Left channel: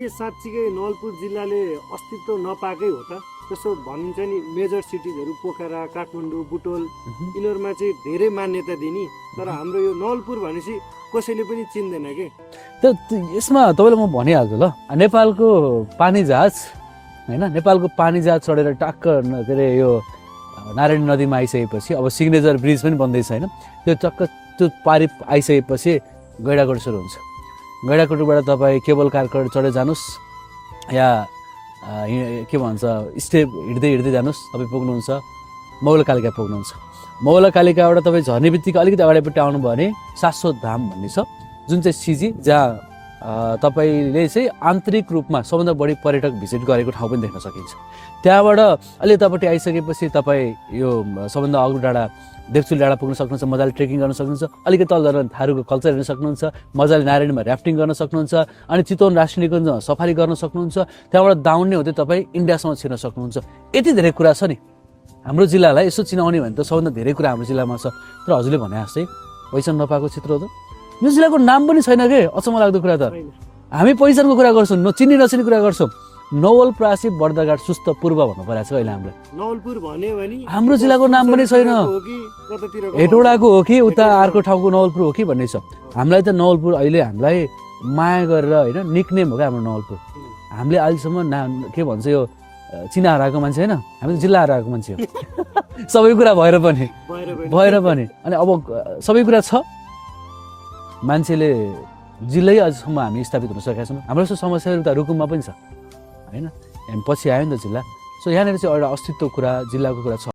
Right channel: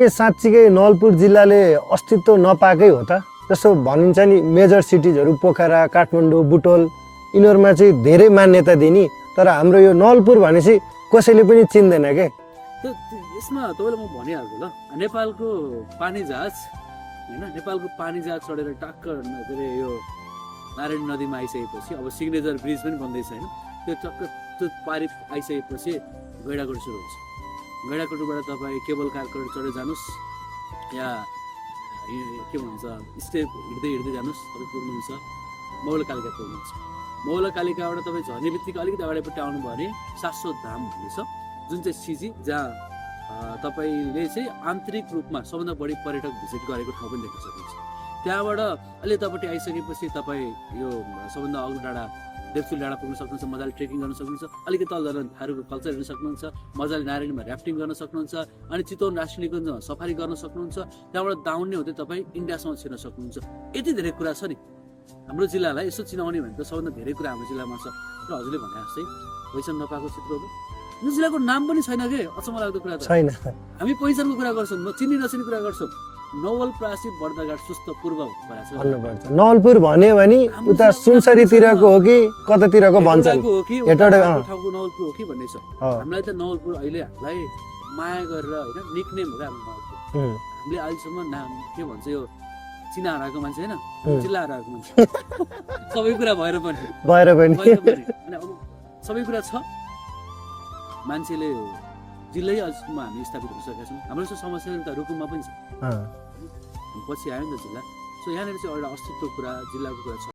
साँच्चीकै नवलपुर जिल्लाले अस्तित्व नपाएकै हो त? जस्तो भनिन्छ नि मेजर सिटिजहरू पोखरा, काठमाडौँ, बुटोल यिनीहरूमा चाहिँ धेरै मान्यता दिने, तर हाम्रो यो नवलपुर भनेपछि कसैले पनि चिन्दैन के। यसमा तपाईँलाई म भनिहाल्छु ल, नेपालको पानी जहाज होइन, नेपालको पानी जहाज चढेर टक्क के अरे यो नारायणी नदीमा आइसकेपछि अब सिग्नेचर ब्रिज पनि बन्दैछ होइन, त्यो टक्क त्यो पारि आइसकेपछि गैँडाकोट सुरु हुन्छ। गैँडाकोटबाट तपाईँ केबल कार चढेर जानुहोस् या के भन्छ स्टेप हिँड्दै जानुहोस्, तपाईँ पुग्नुहुन्छ मौलकालिका पुग्नुहुन्छ। मौलकालिकाबाट तपाईँ झर्ने बित्तिकै अलिकति अगाडिपट्टि आउनुभयो भने शाश्वत धाम भन्ने छ, जुन चाहिँ सिजी, जहाँ तपाईँले चाहिँ आन्तरिक रूपमा सबभन्दा बढी पर्यटक भिजिट गरेको ठाउँ पनि देख्न सकिन्छ। त्यहाँबाट अलि यतापट्टि आइसकेपछि तपाईँ यो सबभन्दा अग्लो डाँडा देवचुल डाँडा पुग्न सक्नुहुन्छ, मजाले ट्रेकिङ गर्न सक्नुहुन्छ। अलिकति तल झरेर थारूको कल्चर हेर्न सक्नुहुन्छ, मजाले नारायणीमा ऱ्याफ्टिङ गर्न सक्नुहुन्छ, अनि चितवन राष्ट्रिय निकुञ्जमा सफारी गर्न सक्नुहुन्छ। त्यहाँबाट दाउन्ने हुँदै तपाईँ इन्डियासम्म छिर्न सक्नुहुन्छ। यति धेरै कुरा छ नि हाम्रो जिल्लालाई यसो चिनाउने भने त सबभन्दा धेरै कुरा हाम्रो जिल्लामा छ। तर हजुरले भने जस्तै पहिचान नपाएको चित्र हो त, यो जिल्लाको नाम पनि छैन के। अचम्म लाग्दो कुरा त छैन, हामी पहिचानको कुरा गर्छौँ, चिन्ने नचिन्ने कुरा गर्छौँ। नवलपरासी बर्दाघाट सुस्त पूर्व भन्नु परेको छ अहिले हाम्रो। नवलपुर भन्यो भने हाम्रो जिल्लाको नाम पनि छैन, हो कि कतातिरको हेटौडाको हो कि उता अर्को ठाउँको नवलपुर हो कि भन्ने छ। हामीलाई त नवलपुर अहिले हामीलाई माया गरेर होइन निकनेम हो क्या हाम्रो नवलपुर। हामीले अहिलेसम्म के भन्छ यो चिना हराएको मान्छे होइन, हामी जिल्ला हराएको मान्छे हो। सबै कुरा भएर पनि अनि अब सबै कुरा छ, मान्छेले जिल्लै अझसम्म हामी स्थापित हुन सकेका छौँ। हाम्रो यस्तो समस्याहरू त रुकुममा पनि छ होइन, पछि आयो नि त जिल्ला। सो यहाँनिर चाहिँ एउटा अस्तित्वको कुरा, जिल्लाको कुरा छ।